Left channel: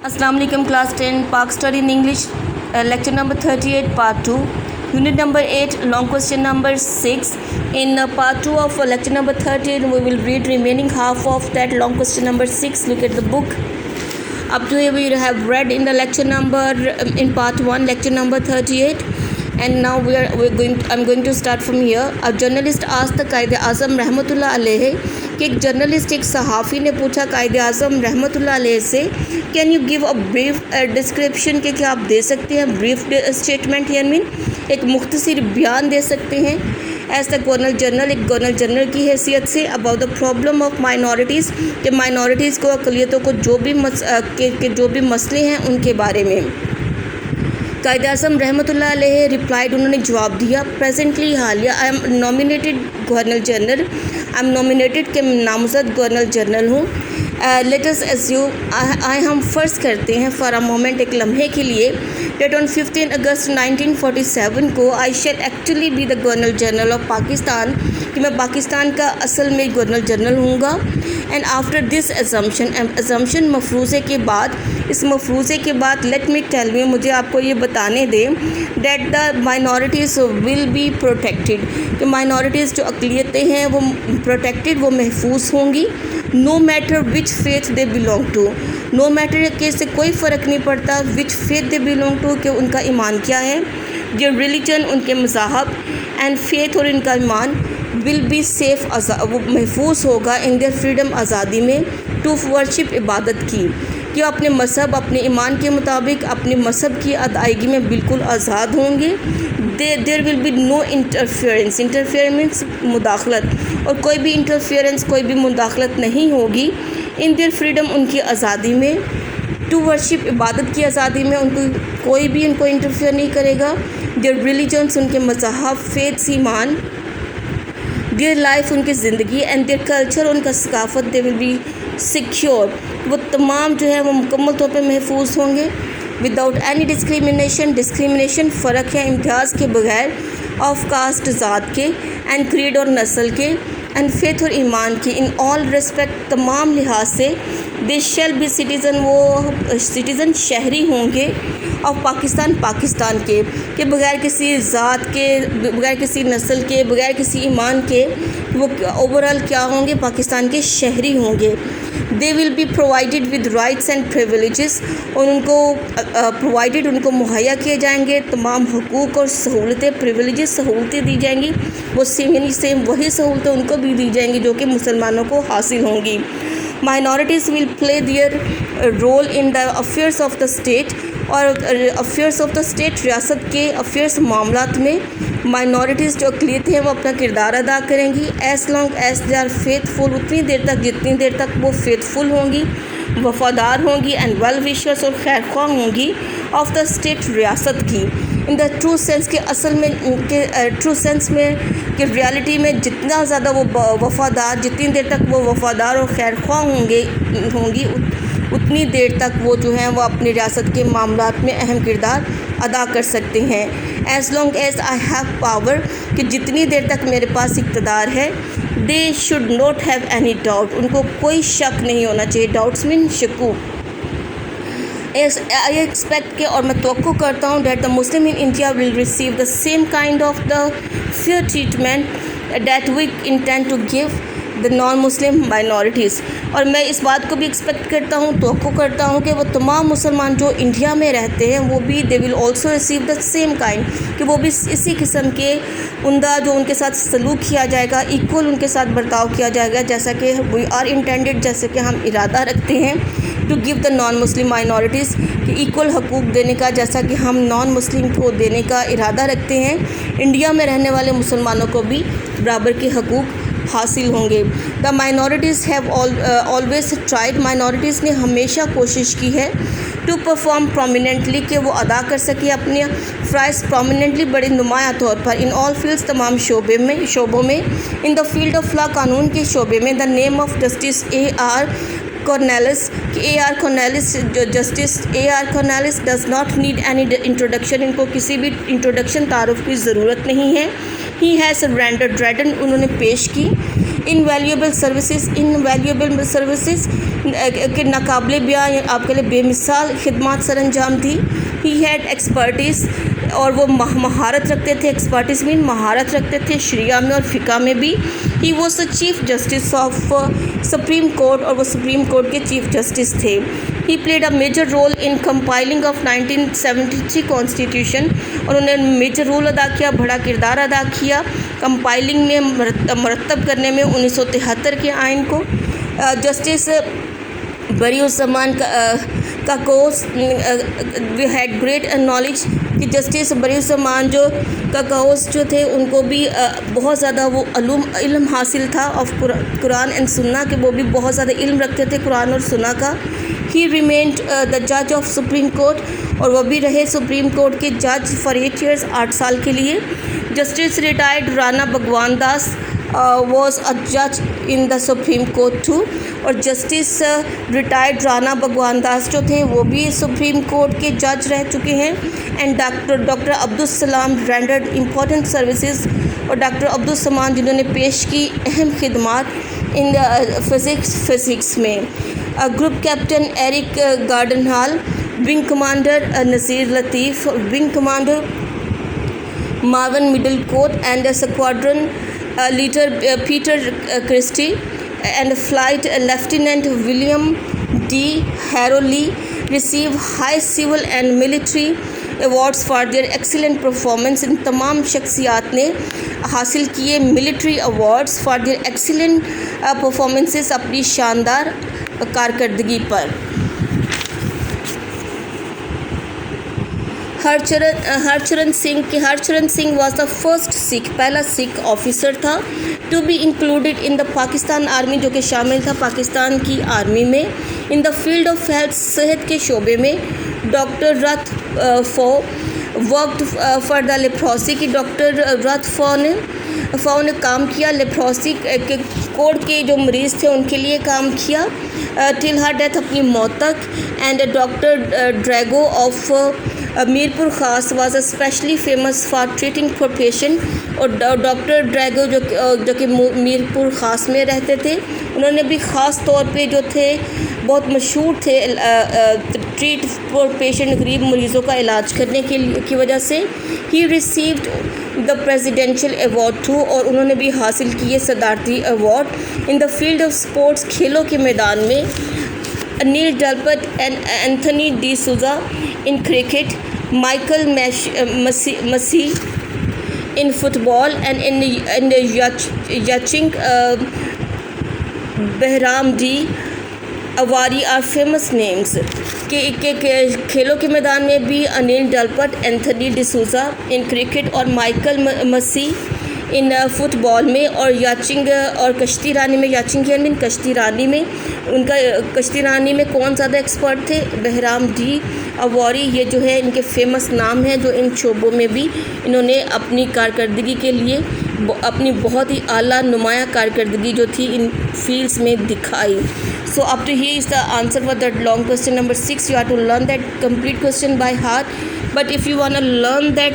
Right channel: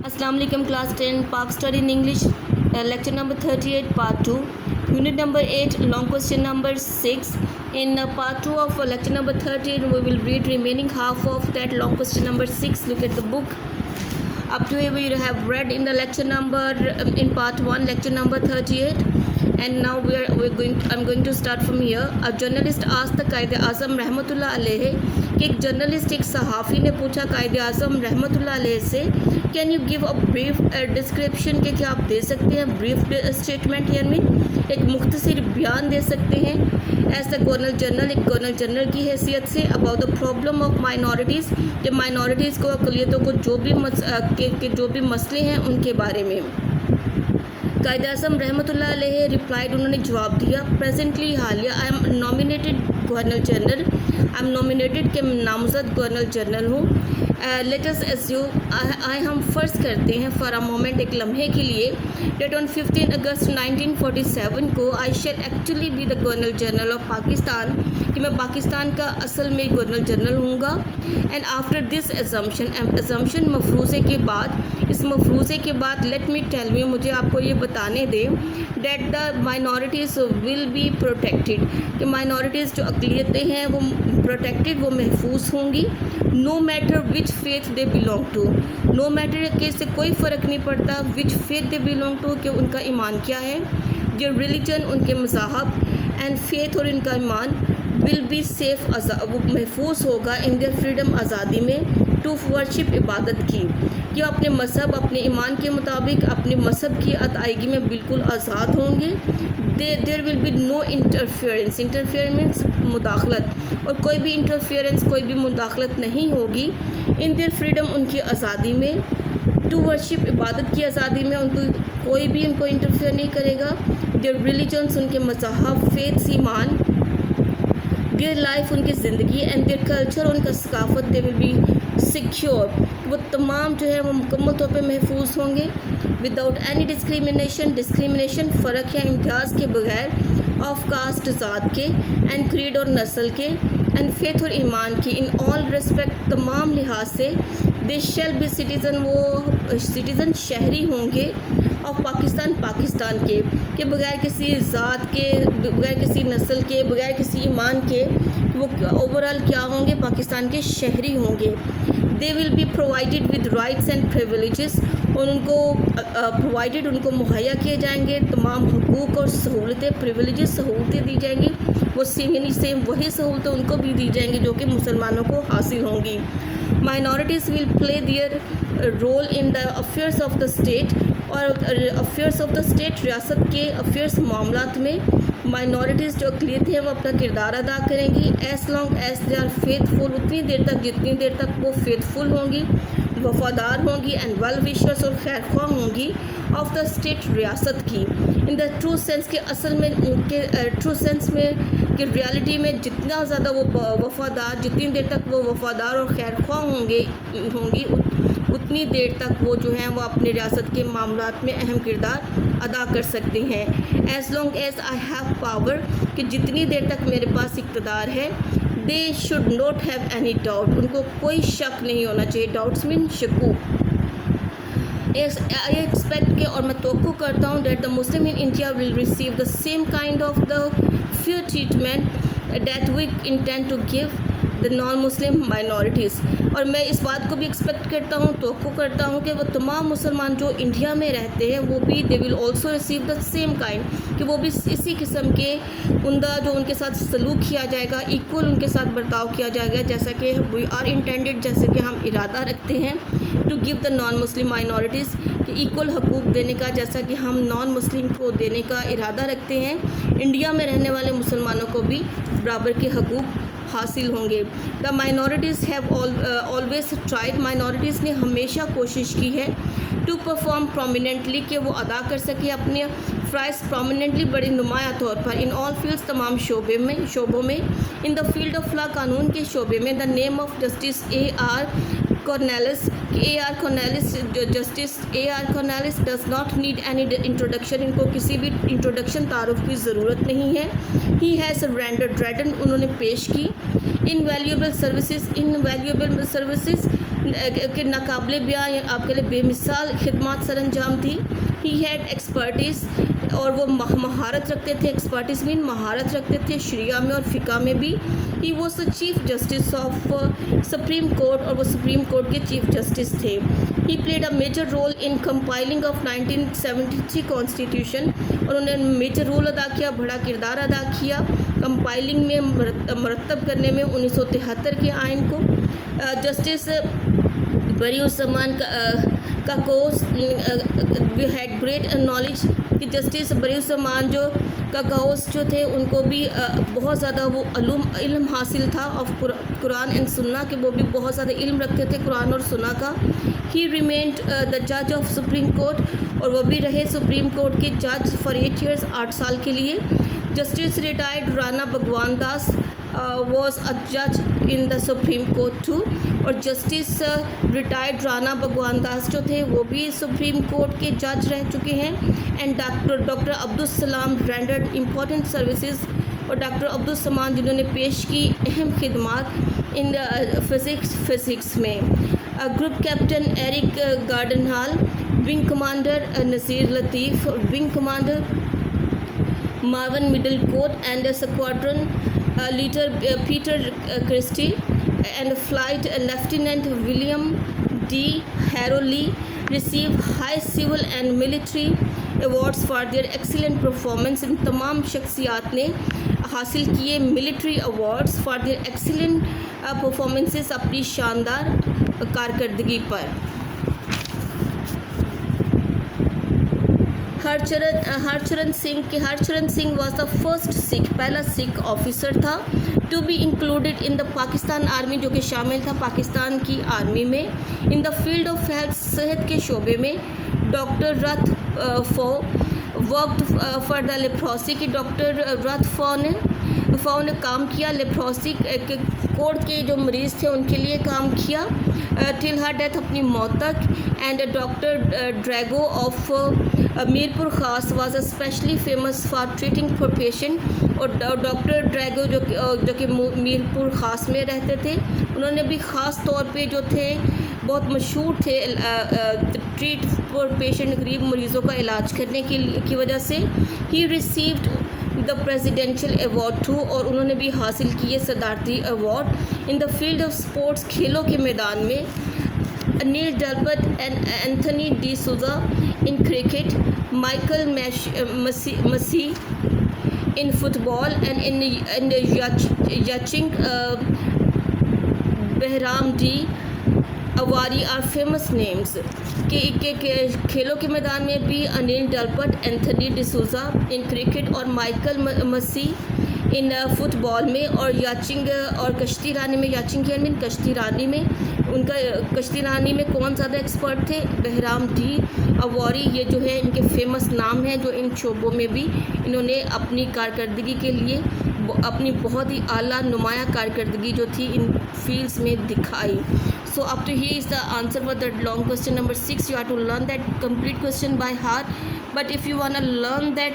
Assalamu alaikum class 10 Park study in English lecture number 38 part 2 unit number 8 long question number 6 in part 2 of lecture number 13 we will read remaining half of that long question number 6. Look at the book. Up to here we have read in the lecture number in part 1 lecture number 38 and now I'm going to start from here. A journalist asked the Qaid-e-Azam रहमतुल्लाह अलैह कि एक journalist एक सहाफ़ी ने पूछा कायद-ए-आज़म रहमतुल्लाह अलैह से can you give a brief description कि क्या आप दे सकते हैं ब्रीफ स्टेटमेंट यानी एक मुख्तसर बयान दे सकते हैं एज द गवर्नर जनरल एक गवर्नर जनरल की हैसियत say about the problem of minorities कि माइनॉरिटीज़ को अक़लियतों को जो भी मसले हैं उनके बारे में कायद-ए-आज़म रहमतुल्लाह अलैह रिप्लाइड उन्होंने जवाब दिया प्रेजेंटली हालिया I am nominated governor general I am nominated के नामज़द गवर्नर जनरल हूँ लेट अस एज्यूम हम फ़र्ज़ करते हैं फॉर अ मोमेंट एक लम्हे के लिए डेट ऑन 15 अगस्त 1947 को I shall actually be the governor general of Pakistan कि मैं पाकिस्तान का असल में गवर्नर जनरल हूँगा एंड आफ्टर दिस एजम्पशन मफरूज़े के बाद इस मफरूज़े के बाद लेट मी टेल मी मुझे आपको ये बताने दें that the minorities will be protected कि माइनॉरिटीज़ जो अक़लियतें हैं वो प्रोटेक्टेड वो महफूज होंगी no matter which faith they belong to no matter के से कोई फ़र्क नहीं पड़ता which faith they belong to कि उनका ईमान क्या है जो रिलीजन उनके मज़हब एंड फेथ और इनका ईमान विल बी सेफ़ वो महफूज होगा इन देयर फ्रीडम आज़ादी में टू वर्शिप इबादत की कि अपने मज़हब अपने ईमान के मुताबिक अपने मज़हब की अदायगी में बिल्कुल आज़ाद होंगे there will be no interference means मुदाखलत और कोई भी इंटरफेरेंस कोई भी मुदाखलत नहीं होगी इन देयर फ्रीडम उनकी आज़ादी में टू वर्शिप इबादत की आज़ादी में उनको कोई भी इनको इंटरफेयर नहीं करेगा देयर रिलीजन्स उनके मज़हब फेथ ईमान देयर लाइफ उनकी ज़िंदगी एंड देयर कल्चर उनका सकाफ़त दे विल बी सिक्योर वो तमाम जो है वो मुकम्मल तौर पे महफूज होंगे विदाउट एनी डिस्क्रिमिनेशन फ़र्क है इम्तियाज़ के बगैर ऑफ कास्ट ज़ात के एंड क्रीड और नस्ल के एंड फेथ और ईमान के इन ऑल रिस्पेक्ट तमाम लिहाज से दे शैल बी सिटीज़न वो सिटीज़न शहरी होंगे और पाकिस्तान के बगैर किसी ज़ात के बगैर किसी नस्ल के बगैर किसी ईमान के वो ओवरऑल क्या होंगे पाकिस्तान के शहरी होंगे they will be provided with rights and privileges और उनको प्रोवाइडेड उनको मुहैया किए जाएंगे तमाम हुकूक और सहूलतें प्रिविलेजेस सहूलतें दी जाएंगी वो सेम वही सहूलतें उनको भी दी जाएंगी जो कि मुसलमानों को हासिल होंगी minorities will play their role in the affairs of the state और अफेयर्स ऑफ द स्टेट रियासत के अफेयर्स मामलात में माइनॉरिटीज़ जो अक़लियतें हैं वो अपना किरदार अदा करेंगी as long as they are faithful उतनी देर तक जितनी देर तक वो फेथफुल होंगी वफ़ादार होंगी एंड वेल विशर्स और खैर ख्वाह होंगी ऑफ द स्टेट रियासत की इन द ट्रू सेंस के असल में ट्रू सेंस में कि रियलिटी में जितना ज़्यादा वो वफ़ादार जितनी देर तक वो वफ़ादार और खैर ख्वाह होंगी उतनी देर तक वो जो हैं वो अपनी रियासत के मामलात में अहम किरदार अदा कर सकते हैं as long as I have power कि जितनी देर तक मेरे पास इक़्तिदार है they should not have any doubt उनको कोई शक नहीं होना चाहिए डाउट्स मीन शकूक आई एक्सपेक्ट के और मैं तवक्को करता हूँ that the Muslim in India will receive the same kind of the fair treatment that we intend to give the non Muslim minorities और मैं इस बात को भी एक्सपेक्ट करता हूँ तवक्को करता हूँ कि वो तमाम मुसलमान जो इंडिया में रहते हैं वो भी they will also receive the same kind कि वो भी इसी किस्म के उमदा जो उनके साथ सलूक किया जाएगा इक्वल उनके साथ बर्ताव किया जाएगा जैसा कि वी आर इंटेंडेड जैसे कि हम इरादा रखते हैं to give the non Muslim minorities कि इक्वल हकूक़ देने का जैसा कि हम नॉन मुस्लिम को देने का इरादा रखते हैं इंडिया में रहने वाले मुसलमानों को भी बराबर के हकूक़ हासिल होंगे the minorities have always tried minorities ने हमेशा कोशिश की है टू परफॉर्म प्रोमिनेंटली कि वो अदा कर सके अपने फ़राइज़ प्रोमिनेंटली बड़े नुमाया तौर पर इन ऑल फील्ड्स तमाम शोबों में in the field of law कानून के शोबे में the name of justice A.R. Cornelis justice A.R. Cornelis does not need any introduction इनको किसी भी इंट्रोडक्शन तारुफ की ज़रूरत नहीं है ही हैज़ रेंडर्ड उन्होंने पेश की इनवैल्यूएबल सर्विसेज کہ ناقابل بیان آپ کے لیے بے مثال خدمات سر انجام دی. ہی ہیڈ ایکسپرٹیز اور وہ مہارت رکھتے تھے. ایکسپرٹیز مین مہارت رکھتے تھے شریعہ میں اور فقہ میں بھی. He was the chief justice of supreme court اور وہ سپریم کورٹ کے چیف جسٹس تھے. He played a major role in compiling of 1973 constitution. اور انہوں نے میجر رول ادا کیا, بڑا کردار ادا کیا کمپائلنگ میں, مرتب کرنے میں 1973 کے آئین کو. جسٹس بری الزمان کا کوس وی ہیڈ گریٹ نالج کہ جسٹس بری الزمان جو کا کوس جو تھے ان کو بھی بہت زیادہ وہ علم حاصل تھا آف قرآن اینڈ سنہ کہ وہ بھی بہت زیادہ علم رکھتے تھے قرآن اور سنہ کا. ہی ریمینڈ دا جج آف سپریم کورٹ اور وہ بھی رہے سپریم کورٹ کے جج فار 8 years 8 سال کے لیے. جسٹس ریٹائرڈ رانا بھگوان داس واز اے جج ان دا سپریم کورٹ ٹو. اور جسٹس ریٹائرڈ رانا بھگوان داس جو تھے وہ بھی سپریم کورٹ کے جج رہ چکے ہیں. And doctor Abdus Salam rendered important services. اور ڈاکٹر عبدالسلام جنہوں نے پیش کی اہم خدمات ان فزکس میں. Group captain Eric Gordon Hall, wing commander Nazir Latif, wing commander Marvin Middlecoat and squadron leader Peter Christie and Flight Lieutenant William D. Harrowley receive high civil and military awards for their excellent performance. ان تمام شخصیات نے حاصل کیے military awards for their excellent performances اپنی شاندار کارکردگی پر. Harcharan Singh was the first Sikh, پہلا سکھ آفیسر تھا to be included in the Pakistan army جو کہ شامل تھا پاکستان کی آرمی میں. In the field of health, صحت کے شعبے میں. ڈاکٹر رتھ فو ورکڈ فار دا لیپروسی کی ڈاکٹر رتھ فو نے کام کیا لیپروسی کے کوڑ کے جو مریض تھے ان کے لیے کام کیا ٹل ہر ڈیتھ اپنی موت تک. And doctor Drago of Mirpur Khas was especially famous for treating for patient. اور ڈاکٹر ڈریگو جو کہ میرپور خاص میں رہتے تھے انہوں نے بھی خاص طور پہ جو تھے بہت مشہور تھے ٹریٹ فار پیشنٹ, غریب مریضوں کا علاج کرنے کی وجہ سے. He received the presidential award too اور انہوں نے بھی حاصل کیے صدارتی ایوارڈ. In the field of sports, کھیلوں کے میدان میں. Anil Dalpat and Anthony D'Souza in cricket, Michael Massey in football and in yachting. Byram D Avari are famous names. کہ کھیلوں کے میدان میں بھی Anil Dalpat, Anthony D'Souza in cricket اور Michael Massey in football میں. اور یاچنگ اور کشتی رانی میں, یاچنگ یعنی کشتی رانی میں, ان کا کشتی رانی میں کون زیادہ ایکسپرٹ تھے؟ بہرام ڈی اواری. یہ جو ہے ان کے فیمس نام ہیں جو ان شعبوں میں بھی انہوں نے اپنی کارکردگی کے لیے اپنی بہت ہی اعلیٰ نمایاں کارکردگی جو تھی ان فیلڈس میں دکھائی. So up to here is the answer for that long question number 6. You have to learn that complete question by heart. But if you want to learn that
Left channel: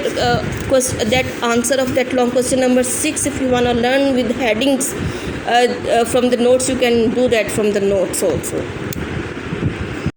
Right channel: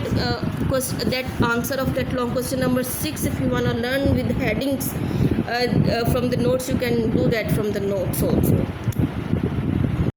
answer of that long question number 6, if you want to learn with headings from the notes, you can do that from the notes also.